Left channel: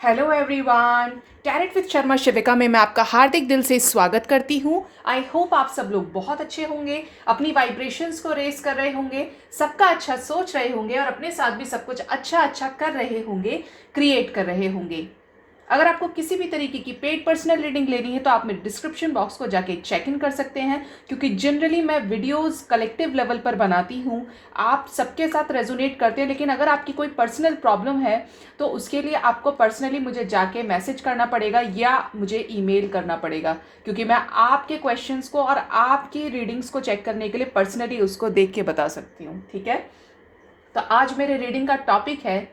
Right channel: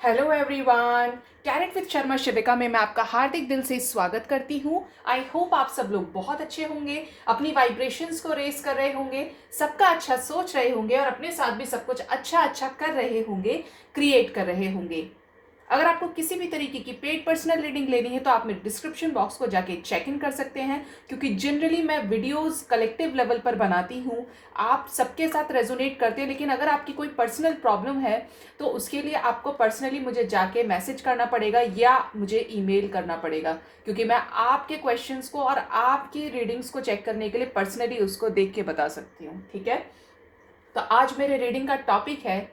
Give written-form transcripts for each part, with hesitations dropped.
Hello everyone, tarot with Sharma Shivika में मैं आपका हार्दिक दिल से स्वागत करती हूँ। आई होप आप सब लोग बहुत अच्छे होंगे, अपनी वाइब्रेशंस को रेस कर रहे होंगे, सबका अच्छा सोच रहे होंगे और अपने साथ भी सब कुछ अच्छा अच्छा कर रहे होंगे, क्रिएट कर रहे होंगे। अगर आपको किसी भी तरीके की पेड पर्सनल रीडिंग लेनी है तो आप मेरे डिस्क्रिप्शन बॉक्स को जाके चेक इन कर सकते हैं, क्योंकि जनरली मैं वीडियोस कलेक्टिव लेवल पर बनाती हूँ, आप सबके साथ रेजोनेट करते हैं। लेकिन अगर आपकी कोई पर्सनल प्रॉब्लम है तो उसके लिए आपको पर्सनली मुझे जाके मैसेज करना पड़ेगा या मुझे ईमेल करना पड़ेगा, क्योंकि मैं आपके क्वेश्चंस को और आपकी रीडिंग्स को चेक करने के लिए पर्सनली उसको देख के बता सकती हूँ। ठीक है, तो आज मेरे रीडिंग का टॉपिक है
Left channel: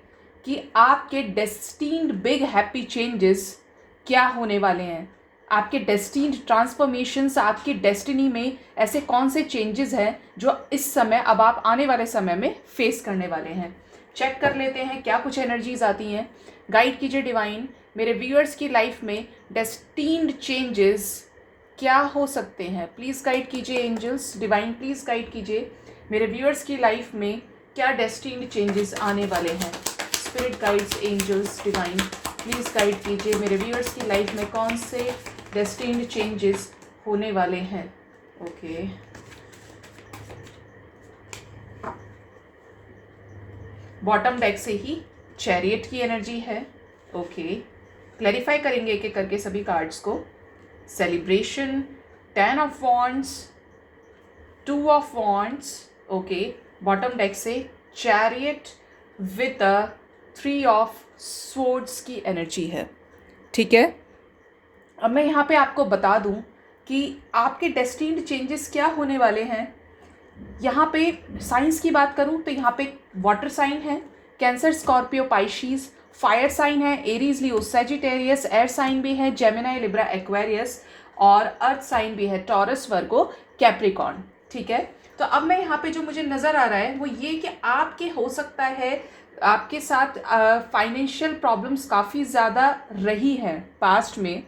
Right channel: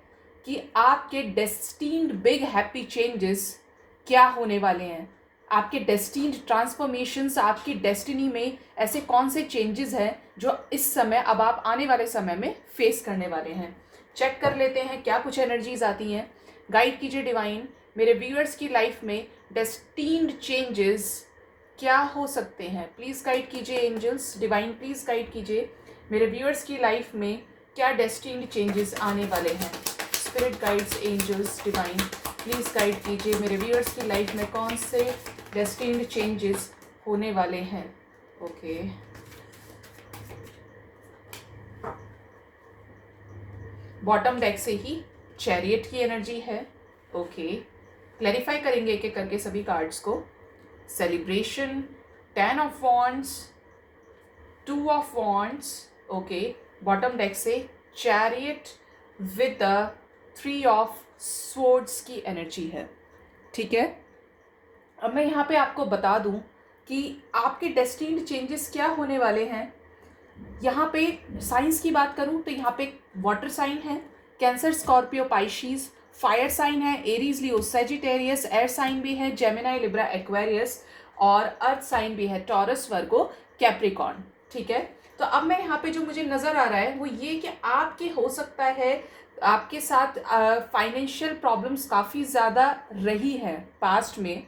कि आपके डेस्टिन्ड बिग हैप्पी चेंजेस क्या होने वाले हैं। आपके डेस्टिन्ड ट्रांसफॉर्मेशंस, आपकी डेस्टिनी में ऐसे कौन से चेंजेस हैं जो इस समय अब आप आने वाले समय में फेस करने वाले हैं। चेक कर लेते हैं क्या कुछ एनर्जीज आती हैं। गाइड कीजिए डिवाइन, मेरे व्यूअर्स की लाइफ में डेस्टिन्ड चेंजेस क्या हो सकते हैं। प्लीज़ गाइड कीजिए एंजल्स, डिवाइन प्लीज़ गाइड कीजिए मेरे व्यूअर्स की लाइफ में क्या डेस्टिन्ड चेंजेस आने वाले हैं। Spirit guides, angels, divine please guide कीजिए मेरे व्यूअर्स की लाइफ में कौन से डेस्टिन्ड चेंजेस होने वाले हैं। ओके, बॉटम डेक से ही चैरियट की एनर्जी है। ओके, क्लैरिफाई करेंगे एक एक करके सभी कार्ड्स को। Celebration, 10 of wands, 2 of wands. Okay, bottom deck से chariot with the 3 of swords की एनर्जी है। ठीक है, अब मैं यहाँ पे आपको बता दूँ कि आपके डेस्टिन्ड चेंजेस क्या होने वाले हैं। यहाँ पे साइंस की बात करूँ तो यहाँ पे वाटर साइन है, कैंसर, स्कॉर्पियो, पाइशीज। फायर साइन है, एरीज, लियो, सैजिटेरियस। एयर साइन भी है, जेमिनाई, लिब्रा, एक्वेरियस। और अर्थ साइन भी है, टॉरस, वर्गो, कैप्रिकॉर्न। ठीक है, तो अब मैं यहाँ पे जो मुझे नज़र आ रहा है वो ये कि आपके हो सकता है आपके साथ फाइनेंशियल प्रॉब्लम्स काफ़ी ज़्यादा रही हैं पास्ट में।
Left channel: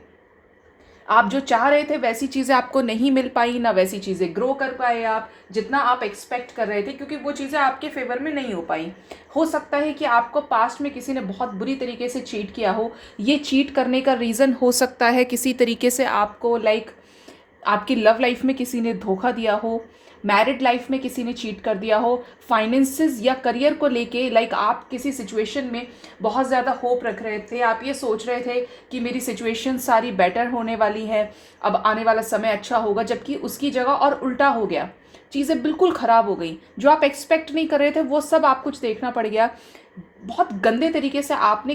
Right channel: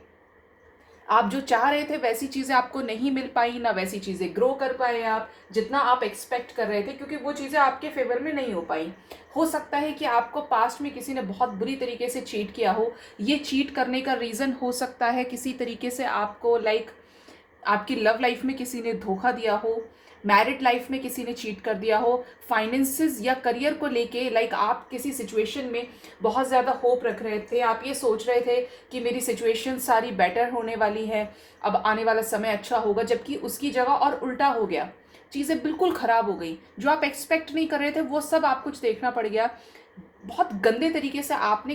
आप जो चाह रहे थे वैसी चीज़ें आपको नहीं मिल पाई, ना वैसी चीज़ें ग्रो कर पाए आप जितना आप एक्सपेक्ट कर रहे थे, क्योंकि वो चीज़ें आपके फेवर में नहीं हो पाई। हो सकता है कि आपको पास्ट में किसी ने बहुत बुरी तरीके से चीट किया हो। ये चीट करने का रीज़न हो सकता है किसी तरीके से आपको आपकी लव लाइफ में किसी ने धोखा दिया हो, मैरिड लाइफ में किसी ने चीट कर दिया हो, फाइनेंसेस या करियर को लेके आप किसी सिचुएशन में बहुत ज़्यादा होप रख रहे थे। आप ये सोच रहे थे कि मेरी सिचुएशन सारी बेटर होने वाली है, अब आने वाला समय अच्छा होगा, जबकि उसकी जगह और उल्टा हो गया। चीज़ें बिल्कुल ख़राब हो गई, जो आप एक्सपेक्ट नहीं कर रहे थे वो सब आप कुछ देखना पड़ गया। बहुत गंदे तरीके से आपने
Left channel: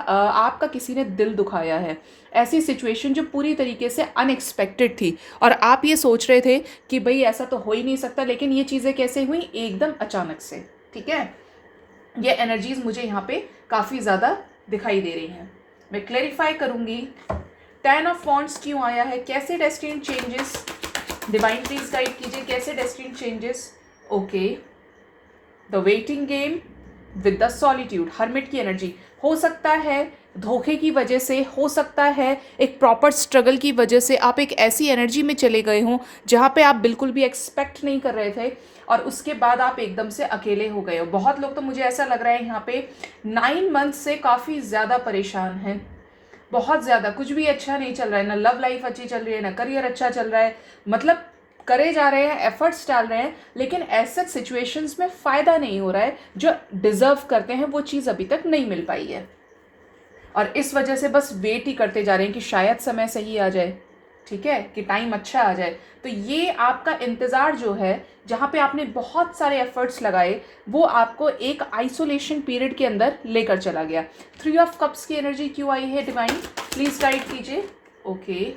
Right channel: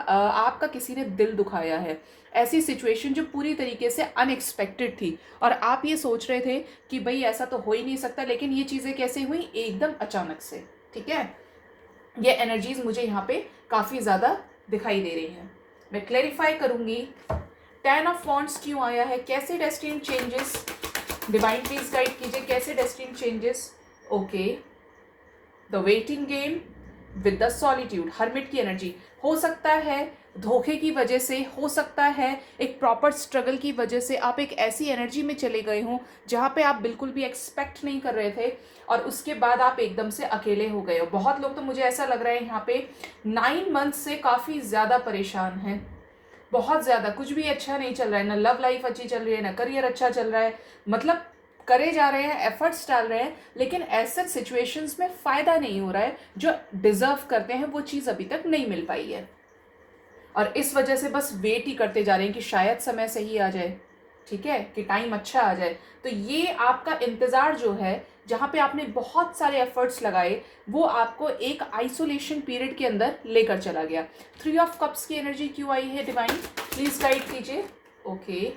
आपका किसी ने दिल दुखाया है। ऐसी सिचुएशन जो पूरी तरीके से अनएक्सपेक्टेड थी और आप ये सोच रहे थे कि भाई ऐसा तो हो ही नहीं सकता, लेकिन ये चीज़ें कैसे हुई, एकदम अचानक से। ठीक है, ये एनर्जीज मुझे यहाँ पे काफ़ी ज़्यादा दिखाई दे रही हैं। मैं क्लैरिफाई करूँगी 10 ऑफ वॉन्ड्स क्यों आया है, कैसे destined changes. Divine please guide कीजिए कैसे destined changes. Okay, the waiting game with the solitude, hermit की एनर्जी। हो सकता है धोखे की वजह से, हो सकता है एक प्रॉपर स्ट्रगल की वजह से आप एक ऐसी एनर्जी में चले गए हों जहाँ पे आप बिल्कुल भी एक्सपेक्ट नहीं कर रहे थे और उसके बाद आप एकदम से अकेले हो गए हो। बहुत लोग तो मुझे ऐसा लग रहा है यहाँ पे 9 मंथ से काफ़ी ज़्यादा परेशान हैं, बहुत ज़्यादा। कुछ भी अच्छा नहीं चल रहा है, ना लव लाइफ अच्छी चल रही है, ना करियर अच्छा चल रहा है। मतलब करे जा रहे हैं, एफर्ट्स डाल रहे हैं, लेकिन ऐसे सिचुएशंस में फ़ायदा नहीं हो रहा है। जो डिज़र्व करते हैं वो चीज़ अभी तक नहीं मिल पाई है और इस वजह से बस वेट ही करते जा रहे हैं कि शायद समय सही आ जाए। ठीक है, कि टाइम अच्छा आ जाए। तो ये आपका इंतज़ार जो है, जहाँ पे आपने बहुत सारे एफर्ट्स लगाए, वो आपको एक आइसोलेशन पीरियड के अंदर लेकर चला गया। 3 ऑफ कप्स की एनर्जी क्यों आई है डिवाइन, प्लीज़ गाइड कीजिए। ओके,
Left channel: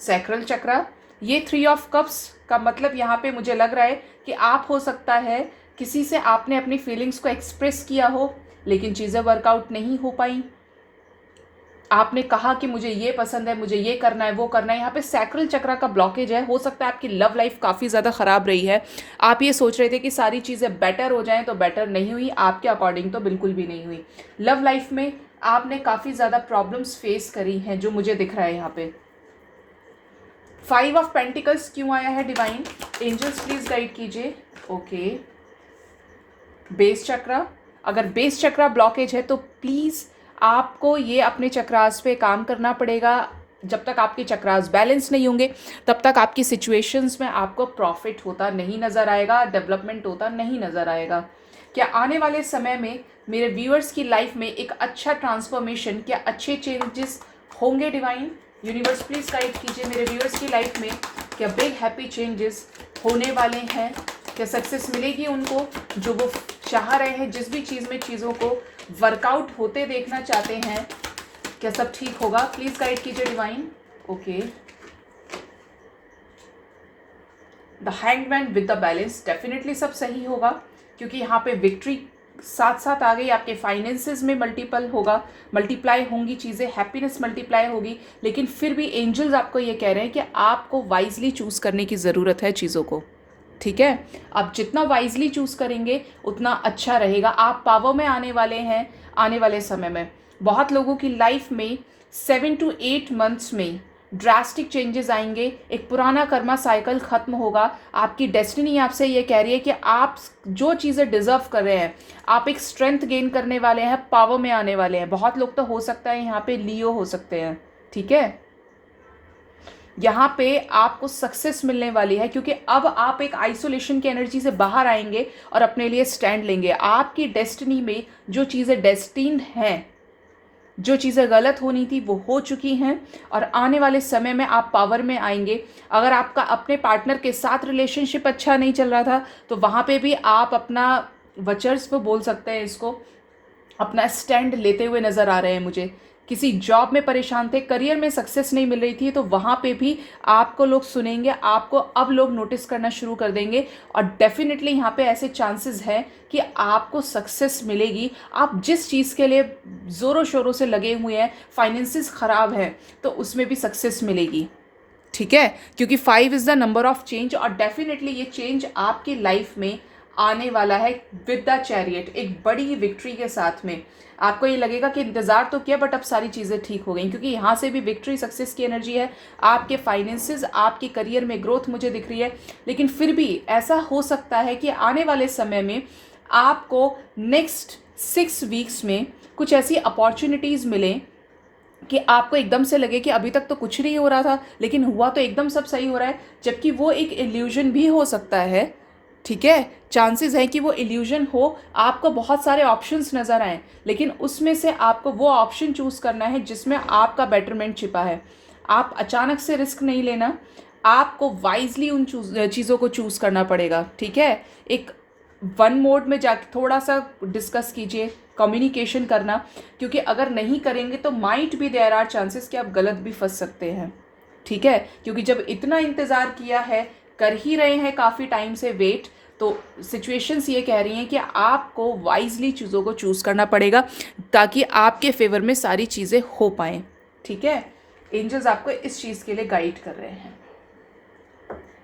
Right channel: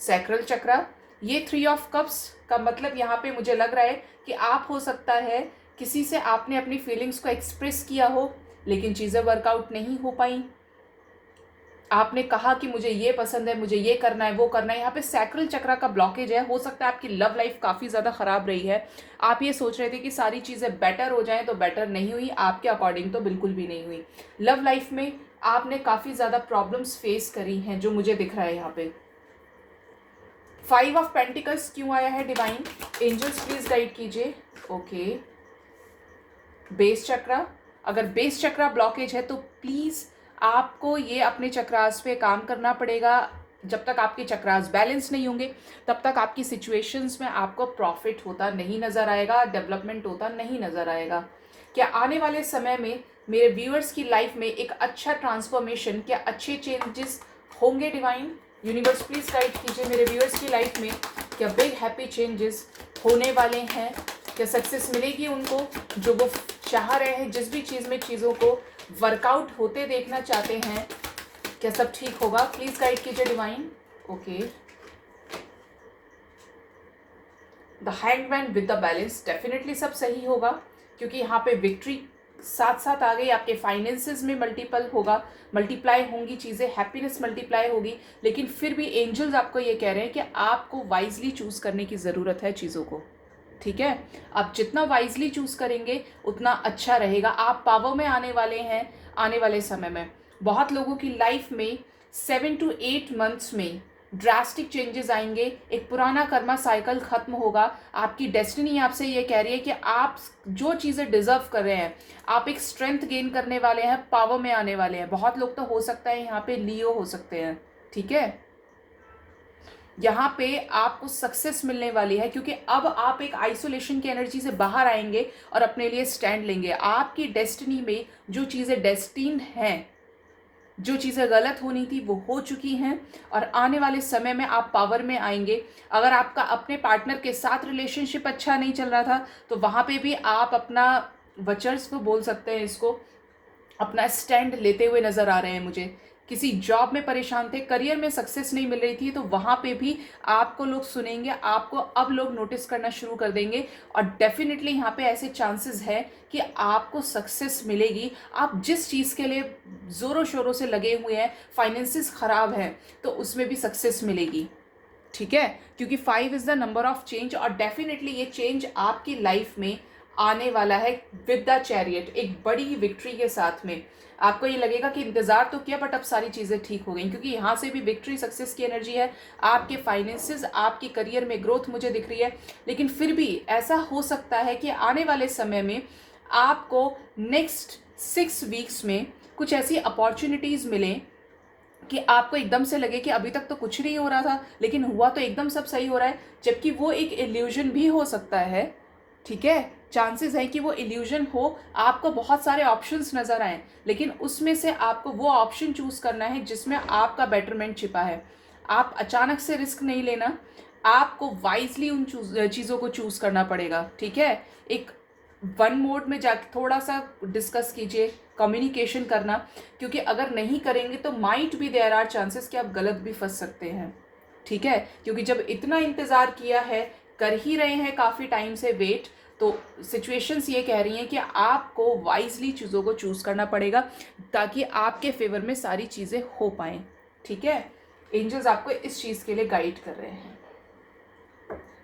सैक्रल चक्रा। ये 3 ऑफ कप्स का मतलब यहाँ पे मुझे लग रहा है कि आप हो सकता है किसी से आपने अपनी फीलिंग्स को एक्सप्रेस किया हो, लेकिन चीज़ें वर्कआउट नहीं हो पाई। आपने कहा कि मुझे ये पसंद है, मुझे ये करना है, वो करना है। यहाँ पे सैक्रल चक्रा का ब्लॉकेज है। हो सकता है आपकी लव लाइफ काफ़ी ज़्यादा ख़राब रही है। आप ये सोच रहे थे कि सारी चीज़ें बेटर हो जाएं, तो बेटर नहीं हुई, आपके अकॉर्डिंग तो बिल्कुल भी नहीं हुई। लव लाइफ में आपने काफ़ी ज़्यादा प्रॉब्लम्स फेस करी हैं, जो मुझे दिख रहा है यहाँ पे। 5 ऑफ पेंटिकल्स क्यों आया है डिवाइन, एंजल्स प्लीज गाइड कीजिए। ओके, बेस चक्रा। अगर बेस चक्रा ब्लॉकेज है तो प्लीज़ आपको ये अपने चक्रास पे काम करना पड़ेगा। जब तक आपके चक्रास बैलेंस नहीं होंगे तब तक आपकी सिचुएशंस में आपको प्रॉफिट होता नहीं नज़र आएगा, डेवलपमेंट होता नहीं नज़र आएगा। क्या आने वाले समय में मेरे व्यूअर्स की लाइफ में एक अच्छा ट्रांसफॉर्मेशन, क्या अच्छे चेंजेस होंगे डिवाइन? यूनिवर्स प्लीज गाइड कीजिए मेरे व्यूअर्स की लाइफ में क्या बिग हैप्पी चेंजेस होने वाले हैं? क्या सक्सेस मिलेगी उनको जो वो चाह रहे हैं, जिस भी चीज़ में चीज़ों को वर्कआउट होते देखना चाहते हैं? क्या सब ठीक होगा? प्लीज गाइड कीजिए divine. Okay, the hangman with the balance, definitely सब सही होगा क्योंकि यहाँ पे विक्ट्री साथ साथ आ गई। आपके फाइनेंसेस में मल्टीप्लाई होंगी चीज़ें, हैप्पीनेस मल्टीप्लाई होगी। लेकिन फिर भी एंजल्स आपको ये कह रहे हैं कि आपको वाइजली चूज़ करने की ज़रूरत है चीज़ों को, ठीक है? आप जितना वाइजली चूज़ करेंगे उतना अच्छा रहेगा। आप पावर में आने वाले हैं आने वाले समय में। बहुत लोगों की लाइफ में 7 to 8 मंथ्स में ड्रास्टिक चेंजेस आएंगे। एक पुराना कर्मा साइकिल खत्म होगा। आपकी डेस्टिनी आपसे ये कह रही है कि आप जो चीज़ें डिजर्व कर रहे हैं, आप एक स्ट्रेंथ गेन करने वाले हैं, पावर में आने वाले हैं। बहुत लोग तो हो सकता है यहाँ पे लियो हो सकते हैं, ठीक है? यहाँ पे आपको सक्सेस मिलने वाली है क्योंकि अब आप एक आइसोलेशन की एनर्जी से बाहर आएंगे और अपने लिए स्टैंड लेंगे। आपकी डेस्टिनी में जो चीज़ें डेस्टिन्ड हैं, जो चीज़ें गलत होनी थी वो हो चुकी हैं और आने वाले समय में आप पावर में आएंगे। अगर आपका अपने पार्टनर के साथ रिलेशनशिप अच्छा नहीं चल रहा था तो वहाँ पे भी आप अपना वर्चस्व बोल सकते हैं, इसको अपना स्टैंड लेते हुए नज़र आ रहे हैं मुझे। किसी जॉब में परेशान थे, करियर में सक्सेस नहीं मिल रही थी, तो वहाँ पे भी आपको लोग सुनेंगे, आपको अब लोग नोटिस करना शुरू कर देंगे और डेफिनेटली यहाँ पे ऐसे चांसेस हैं कि आपको सक्सेस मिलेगी। आप जिस चीज़ के लिए ज़ोरों शोरों से लगे हुए हैं, फाइनेंसिस ख़राब हैं, तो उसमें भी सक्सेस मिलेगी, ठीक है? क्योंकि 5 is the number of change और डेफिनेटली ये चेंज आपकी लाइफ में आने वाला है विद द चैरियट, एक बड़ी विक्ट्री के साथ में। आपको ये लगेगा कि इंतज़ार तो किया बट अब सारी चीज़ें ठीक हो गई, क्योंकि यहाँ से भी विक्ट्री सक्सेस की एनर्जी है। आपके फाइनेंसेस, आपकी करियर में ग्रोथ मुझे दिख रही है। लेकिन फिर भी ऐसा हो सकता है कि आने वाले समय में आपको नेक्स्ट 6 वीक्स में कुछ ऐसी अपॉर्चुनिटीज़ मिलें कि आपको एकदम से लगे कि अभी तक तो कुछ नहीं हो रहा था लेकिन हुआ तो एकदम सब सही हो रहा है, जबकि वो एक इल्यूजन भी हो सकता है, ठीक है? चांसेस हैं कि वो इल्यूजन हो। आपको बहुत सारे ऑप्शंस नज़र आए लेकिन उसमें से आपको वो ऑप्शन चूज़ करना है जिसमें आपका बेटरमेंट छिपा है। आप अचानक से रिस्क नहीं लेना, आपको वाइजली उन चीज़ों को चूज़ करना पड़ेगा, ठीक है? एक वन मोड में जाके थोड़ा सा डिस्कस कीजिए, कम्युनिकेशन करना, क्योंकि अगर नहीं करेंगे तो माइट भी देयर आर चांसेस कि आप गलत भी फंस सकते हैं, ठीक है? क्योंकि जब इतना इंतज़ार किया है, कर ही रहे हैं काफ़ी टाइम से वेट, तो सिचुएशंस ये कह रही हैं कि आपको वाइजली चीज़ों को चूज़ करना पड़ेगा ताकि आपके फेवर में सारी चीज़ें हो पाएँ, ठीक है? एंजल्स आपको इस चीज़ के लिए गाइड कर रहे हैं।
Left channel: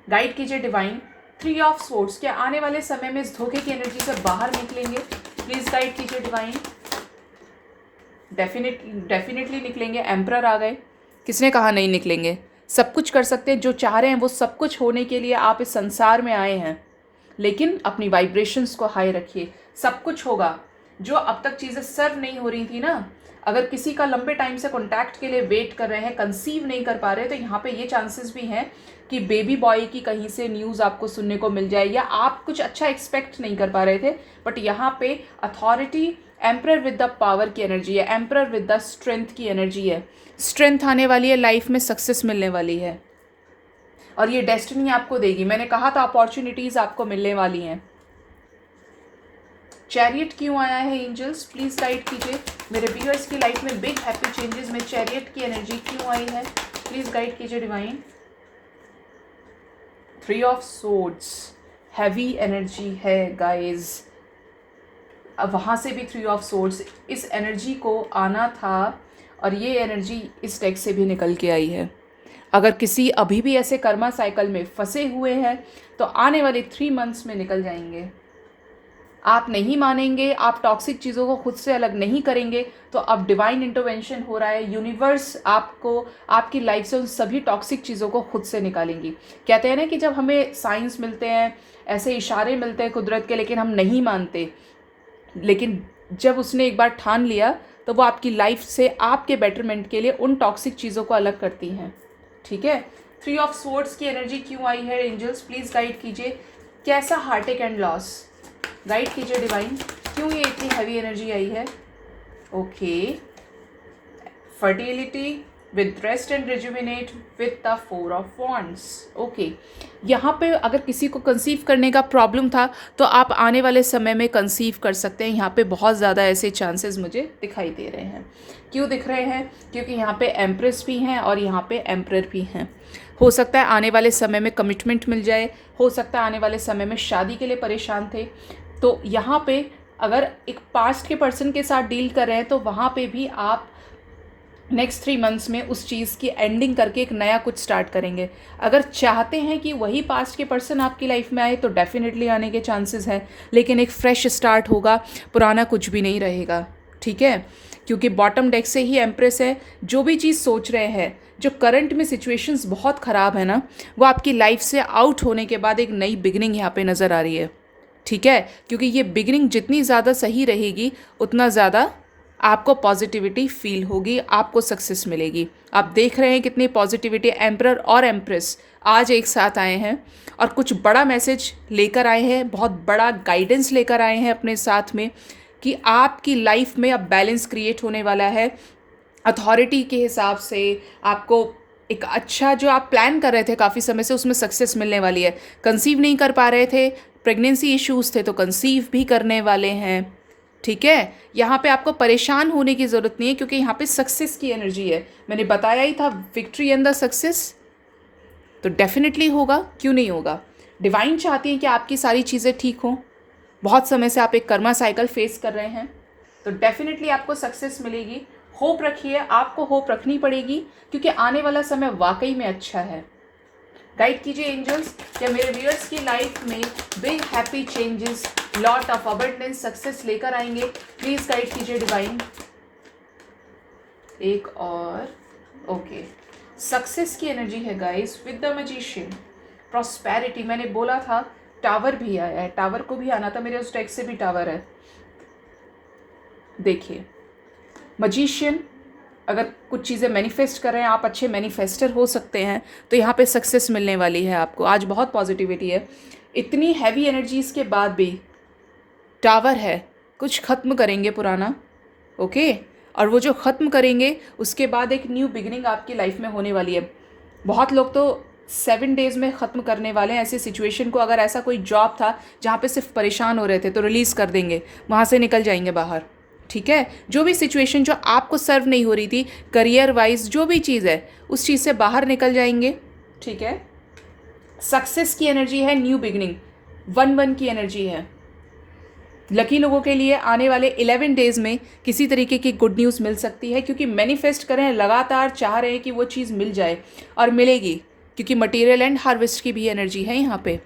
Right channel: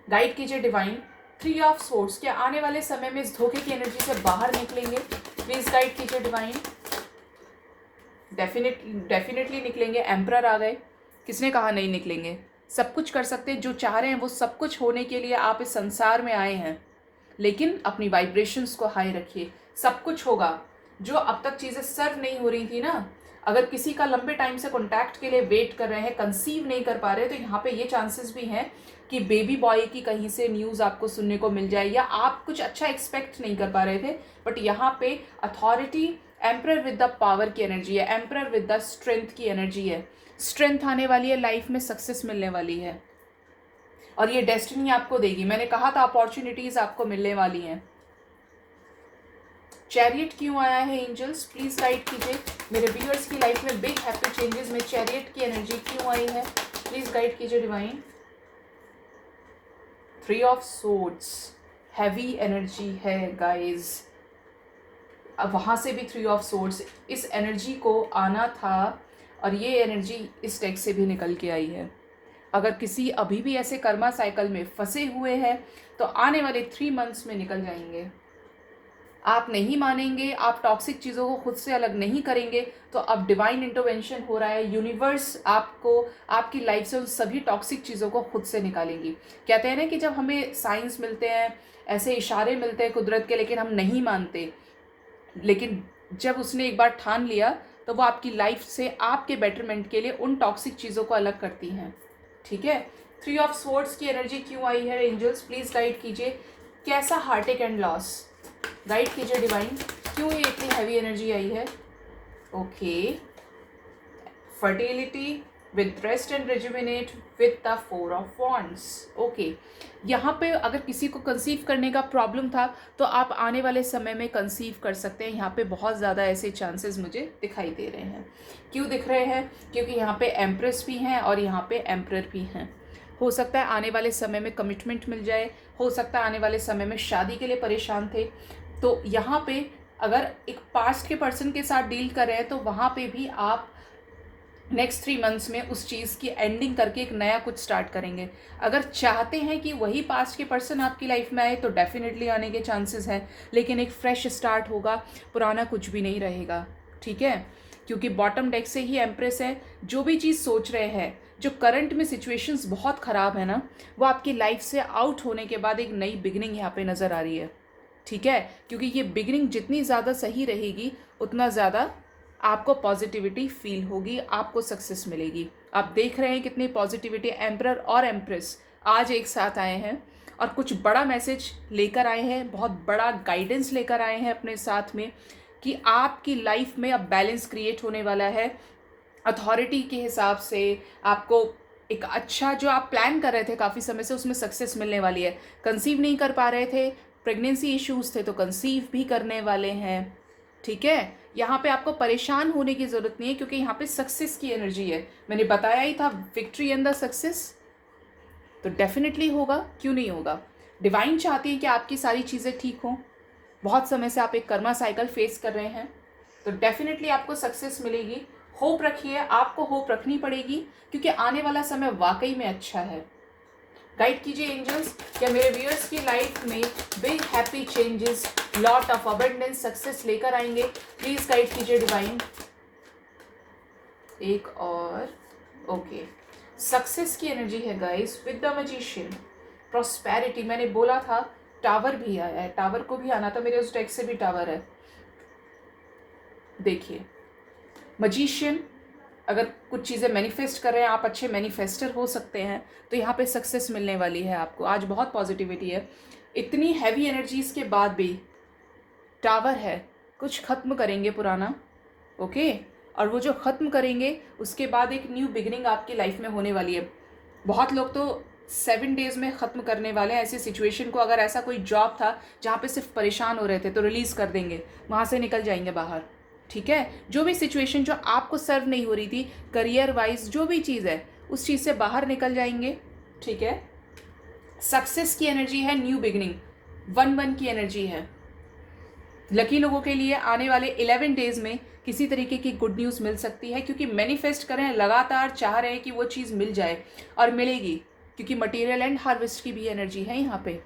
गाइड कीजिए डिवाइन। 3 ऑफ स्वॉर्ड्स, क्या आने वाले समय में इस धोखे की एनर्जी से बाहर निकलेंगे? प्लीज गाइड कीजिए डिवाइन। डेफिनेटली निकलेंगे। एम्परर आ गए। किसने कहा नहीं निकलेंगे? सब कुछ कर सकते हैं, जो चाह रहे हैं वो सब कुछ होने के लिए आप इस संसार में आए हैं, लेकिन अपनी वाइब्रेशंस को हाई रखिए, सब कुछ होगा। जो अब तक चीज़ें सर्व नहीं हो रही थी ना, अगर किसी का लंबे टाइम से कॉन्टैक्ट के लिए वेट कर रहे हैं, कंसीव नहीं कर पा रहे, तो यहाँ पे ये चांसेस भी हैं कि बेबी बॉय की कहीं से न्यूज़ आपको सुनने को मिल जाए, या आप कुछ अच्छा एक्सपेक्ट नहीं कर पा रहे थे, बट यहाँ पे authority, emperor with the power की एनर्जी है, एम्परर विद द स्ट्रेंथ की एनर्जी है। स्ट्रेंथ आने वाली है, लाइफ में सक्सेस मिलने वाली है और ये डेस्टिनी आपको देगी। मैंने कहा था अपॉर्चुनिटीज़ आपको मिलने वाली हैं। चैरियट क्यों आया है एंजल्स? प्लीज गाइड कीजिए मेरे व्यूअर्स की लाइफ में बिग हैप्पी चेंजेस में चैरियट की एनर्जी क्यों आई है? प्लीज गाइड कीजिए divine. 3 of swords, heavy energy है गाइज। अब वहाँ से भी 3 ऑफ सोर्ड्स, इस एनर्जी को आना था और ये एनर्जी इस डेक से भी निकल के आई है। अगर किसी अभी भी ऐसे कर्मा साइकिल में फंसे हुए हैं तो आने वाले 3 मंथ्स में निकल जाएंगे। आप नहीं मानेंगे, आप टॉक्सिक चीज़ों को खुद से अलग नहीं करेंगे, तो अब डिवाइन इंटरवेंशन हो रहा है। यूनिवर्स आपको, आपकी लाइफ से उन सभी टॉक्सिक चीज़ों को खुद से निकालेंगी। कहते हैं ना कि जब हमें साइंस मिलते हैं, ऐसे इशारे मिलते हैं कुदरत के, लेकिन हम नहीं मानते, लेकिन जब उसने एक बार ठान लिया तो वो आपकी लाइफ से आपके बेटरमेंट के लिए उन टॉक्सिक चीज़ों को अलग करती हैं, ठीक है। 3 ऑफ स्वॉर्ड्स की एनर्जी क्यों आई है एंजल्स, प्लीज़ गाइड कीजिए। कैसा हार्टेक एंड लॉस, गाइड कीजिए डिवाइन, क्यों ये इतनी हैवी एनर्जी आई है। Okay, fertility with rest and rejuvenate with the 4 of wands. Okay, यहाँ पे अगर किसी को कंसीव करने का प्रॉब्लम था तो आप आने वाले समय में कंसीव कर सकते हैं। यहाँ पे बहुत ज़्यादा ऐसे चांसेस मुझे दिखाई दे रहे हैं। क्यों दिख रहे हैं, क्योंकि यहाँ पे एम्प्रेस भी हैं और यहाँ पे एम्परर भी हैं। हो सकता है आने वाले समय में कमिटमेंट मिल जाए, हो सकता है आने वाले समय में शादी के लिए परेशान थे, तो यहाँ पे अगर एक पास्ट के पर्सन के साथ डील कर रहे हैं तो वहाँ पे भी आप नेक्स्ट 3 मंथ्स में उस चीज़ की एंडिंग करके एक नया कुछ स्टार्ट करेंगे। अगर चाहते हैं कि वही पास्ट के पर्सन आपकी लाइफ में आए तो डेफिनेटली आने के चांसेस हैं, लेकिन एक फ्रेश स्टार्ट होगा, पुराना कुछ भी नहीं रहेगा, ठीक है। क्योंकि बॉटम डेक से ही एम्प्रेस है। जो भी चीज़ सोच रहे हैं, जो करंट में सिचुएशंस बहुत ख़राब है ना, वो आपकी लाइफ से आउट होने के बाद एक नई बिगिनिंग यहाँ पे नज़र आ रही है, ठीक है। क्योंकि ये बिगिनिंग जितनी ज़्यादा सही रहेगी उतना ज़्यादा आपको पॉजिटिविटी फील होगी, आपको सक्सेस मिलेगी। आप देख रहे हैं कितनी पॉजिटिविटी, एम्परर और एम्प्रेस आज एक साथ आए हैं और कुछ बड़ा मैसेज लेकर आए हैं, बहुत बड़ा गाइडेंस लेकर आए हैं अपने साथ में कि आपकी लाइफ में अब बैलेंस क्रिएट होने वाला है। अथॉरिटी के हिसाब से आपको एक अच्छा जो आप प्लान कर रहे थे काफ़ी समय से, उसमें सक्सेस मिलने वाली है। कंसीव नहीं कर पा रहे थे, प्रेगनेंसी इश्यूज़ थे, तो कंसीव भी करने वाले हैं, ठीक है। यहाँ पे आपको परेशान होने की ज़रूरत नहीं है क्योंकि यहाँ पे सक्सेस की एनर्जी है। मैंने बताया ही था, विक्ट्री एंड द सक्सेस, तो डेफिनेटली होगा, क्यों नहीं होगा। डिवाइन चाहती है कि आपकी सारी चीज़ें ठीक हों। बहुत समय से आप एक कर्मा साइकिल फेस कर रहे हैं, तो डेफिनेटली आपको सक्सेस मिलेगी। होप रखिए, आपको होप रखनी पड़ेगी क्योंकि आने वाला समय वाकई में अच्छा है। गाइड कीजिए एंजल्स, क्या मेरे व्यूअर्स की लाइफ में big happy changes, lot of abundance, success लेकर आएंगे, प्लीज गाइड कीजिए डिवाइन। एक और, ओके, सक्सेस की एनर्जी है guys with the magician. Prosperity, मैंने बोला था टावर भी आया है, टावर को भी आना था, मेरे उस डेक से भी टावर है। देखिए मैजिशियन, अगर कुछ चीज़ें मैनिफेस्ट कर रहे हैं, आप अच्छे मैनिफेस्टर हो सकते हैं, तो यहाँ पे सक्सेस मिलने वाली है आपको। आज बहुत पॉजिटिविटी है। इतनी हैवी एनर्जीज़ के बाद भी टावर है, कुछ ख़त्म करेंगे पुराना, ओके। और वो जो ख़त्म करेंगे उसके बाद एक न्यू बिगिनिंग आपकी लाइफ में होने वाली है। बहुत लोग तो 7 डेज़ में ख़त्म करने वाले हैं ऐसी सिचुएशन को। अगर ऐसा कोई जॉब था जहाँ पे सिर्फ परेशान हो रहे थे तो रिलीज़ कर देंगे, वहाँ से निकल जाएंगे बाहर, ठीक है। जो भी सिचुएशन जो आपको सर्व नहीं हो रही थी, करियर वाइज जो भी चीज़ है, उस चीज़ से बाहर निकल जाएंगे, ठीक है। सक्सेस की एनर्जी है, न्यू बिगिनिंग, 1-1 की एनर्जी है। लकी लोगों के लिए आने वाले 11 डेज़ में किसी तरीके की गुड न्यूज़ मिल सकती है क्योंकि मैनिफेस्ट करें, लगातार चाह रहे हैं कि वो चीज़ मिल जाए और मिलेगी, क्योंकि मटेरियल एंड हार्वेस्ट की भी एनर्जी है यहाँ पे।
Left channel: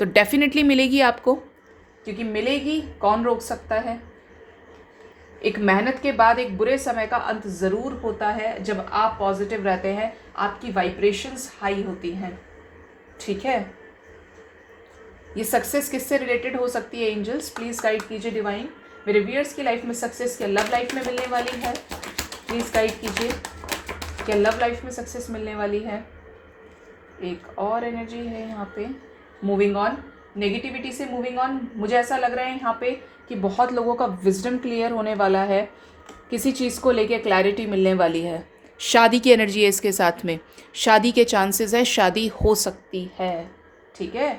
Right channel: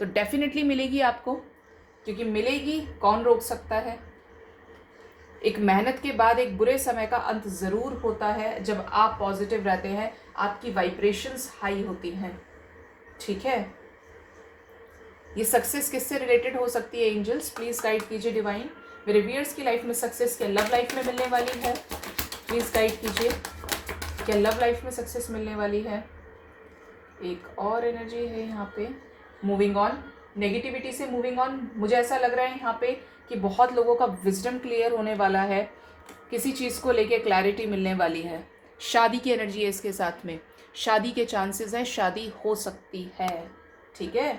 तो डेफिनेटली मिलेगी आपको, क्योंकि मिलेगी, कौन रोक सकता है। एक मेहनत के बाद एक बुरे समय का अंत ज़रूर होता है। जब आप पॉजिटिव रहते हैं, आपकी वाइब्रेशंस हाई होती हैं, ठीक है। ये सक्सेस किससे रिलेटेड हो सकती है एंजल्स, प्लीज़ गाइड कीजिए डिवाइन। मेरे व्यूअर्स की लाइफ में सक्सेस क्या लव लाइफ में मिलने वाली है, प्लीज़ गाइड कीजिए। क्या लव लाइफ में सक्सेस मिलने वाली है। एक और एनर्जी है यहाँ पे, मूविंग ऑन, नेगेटिविटी से मूविंग ऑन। मुझे ऐसा लग रहा है यहाँ पे कि बहुत लोगों का विजडम क्लियर होने वाला है, किसी चीज़ को लेके क्लैरिटी मिलने वाली है। शादी की एनर्जी है इसके साथ में, शादी के चांसेस है, शादी हो सकती है, ठीक है।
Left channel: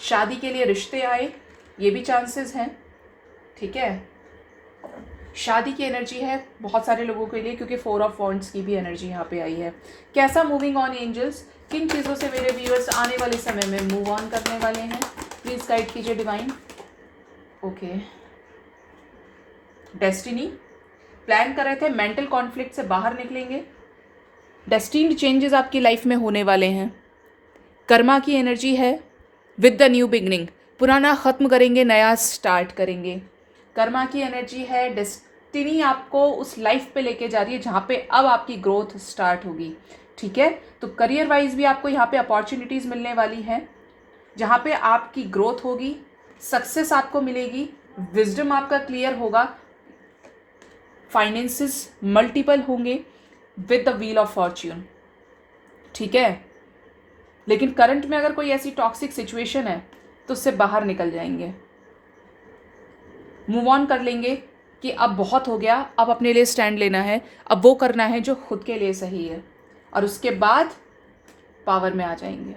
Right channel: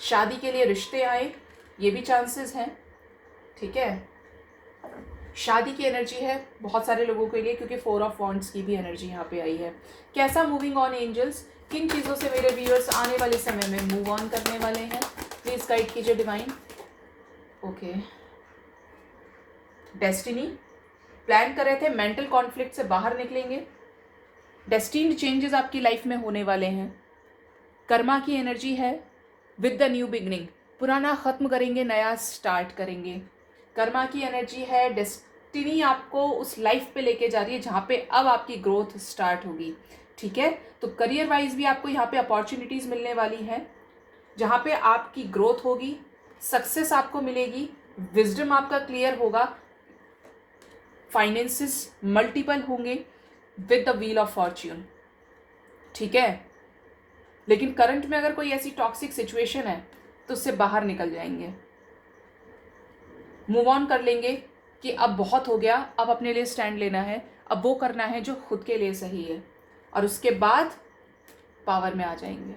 शादी के लिए रिश्ते आए, ये भी चांसेस हैं, ठीक है। शादी की एनर्जी है बहुत सारे लोगों के लिए क्योंकि 4 ऑफ वॉन्ड्स की भी एनर्जी यहाँ पे आई है। कैसा मूविंग ऑन एंजल्स, किन चीज़ों से मेरे व्यूअर्स आने वाले समय में मूव ऑन करने वाले हैं, प्लीज़ गाइड कीजिए डिवाइन। ओके, डेस्टिनी, प्लान कर रहे थे, मेंटल कॉन्फ्लिक्ट से बाहर निकलेंगे, डेस्टिन्ड चेंजेस आपकी लाइफ में होने वाले हैं। कर्मा की एनर्जी है विद द न्यू बिगनिंग, पुराना ख़त्म करेंगे, नया स्टार्ट करेंगे। कर्मा की एनर्जी है, डेस्टिनी आपको उस लाइफ पे लेके जा रही है जहाँ पे अब आपकी ग्रोथ स्टार्ट होगी, ठीक है। तो करियर वाइज भी आपको यहाँ पे अपॉर्चुनिटीज़ मिलने वाली हैं जहाँ पे आपकी ग्रोथ होगी, सक्सेस आपको मिलेगी, विजडम आपका क्लियर होगा, फाइनेंसेस मल्टीपल होंगे with the wheel of Fortune, ठीक है। लेकिन करंट में अगर कोई ऐसी टॉक्सिक सिचुएशन है तो उससे बाहर निकल जाएंगे, मूव ऑन कर लेंगे कि अब बहुत हो गया, अब अपने लिए स्टैंड लेना है, अब वो करना है जो खुद के लिए सही है, और उसके बाद पावर में आ जाएंगे,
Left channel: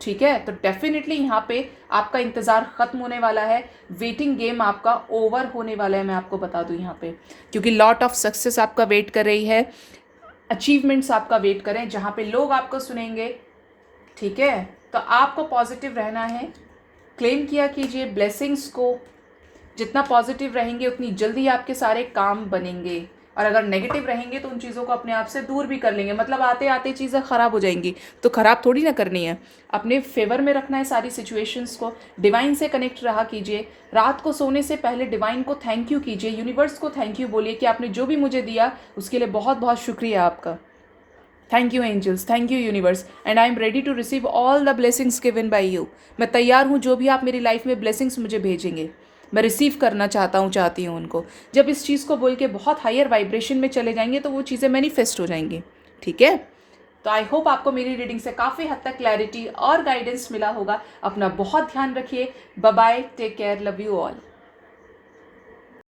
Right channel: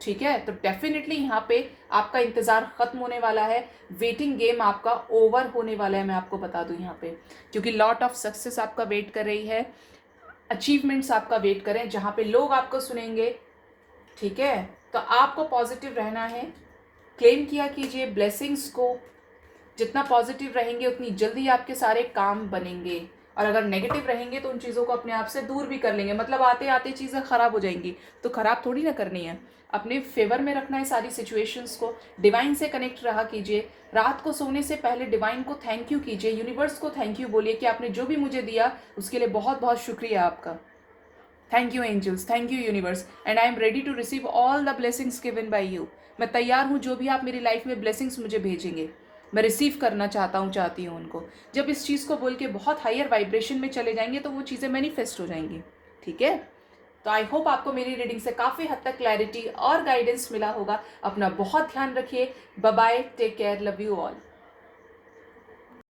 ठीक है। तो डेफिनेटली यहाँ पे आपका इंतज़ार ख़त्म होने वाला है, वेटिंग गेम आपका ओवर होने वाला है, मैं आपको बता दूँ यहाँ पे, क्योंकि लॉट ऑफ सक्सेस आपका वेट कर रही है, अचीवमेंट्स आपका वेट करें जहाँ पे लोग आपको सुनेंगे, ठीक है। तो आपको पॉजिटिव रहना है, क्लेम किया कीजिए ब्लेसिंग्स को, जितना पॉजिटिव रहेंगे उतनी जल्दी आपके सारे काम बनेंगे, और अगर नेगेटिव रहेंगे तो उन चीज़ों को अपने आप से दूर भी कर लेंगे। मतलब आते आते चीज़ें ख़राब हो जाएंगी तो ख़राब थोड़ी ना करनी है, अपने फेवर में रखना है सारी सिचुएशंस को, डिवाइन से कनेक्ट रहा कीजिए, रात को सोने से पहले डिवाइन को थैंक यू कीजिए, यूनिवर्स को थैंक यू बोलिए कि आपने जो भी मुझे दिया उसके लिए बहुत बहुत शुक्रिया आपका, thank you angels, thank you universe, and I am ready to receive all the blessings given by you. मैं तैयार हूँ, जो भी आप मेरी लाइफ में ब्लेसिंग्स मुझे भेजेंगे मैं रिसीव करना चाहती हूँ उनको। जब इस चीज़ को बोल के बहुत हायर वाइब्रेशन में चले जाएंगे तो वो चीज़ें मैनिफेस्ट हो जाएंगी, ठीक है। तो आई होप आपको मेरी रीडिंग से काफ़ी हद तक क्लैरिटी और गाइडेंस मिला होगा। अपना बहुत ध्यान रखिए, bye bye, take care, love you all.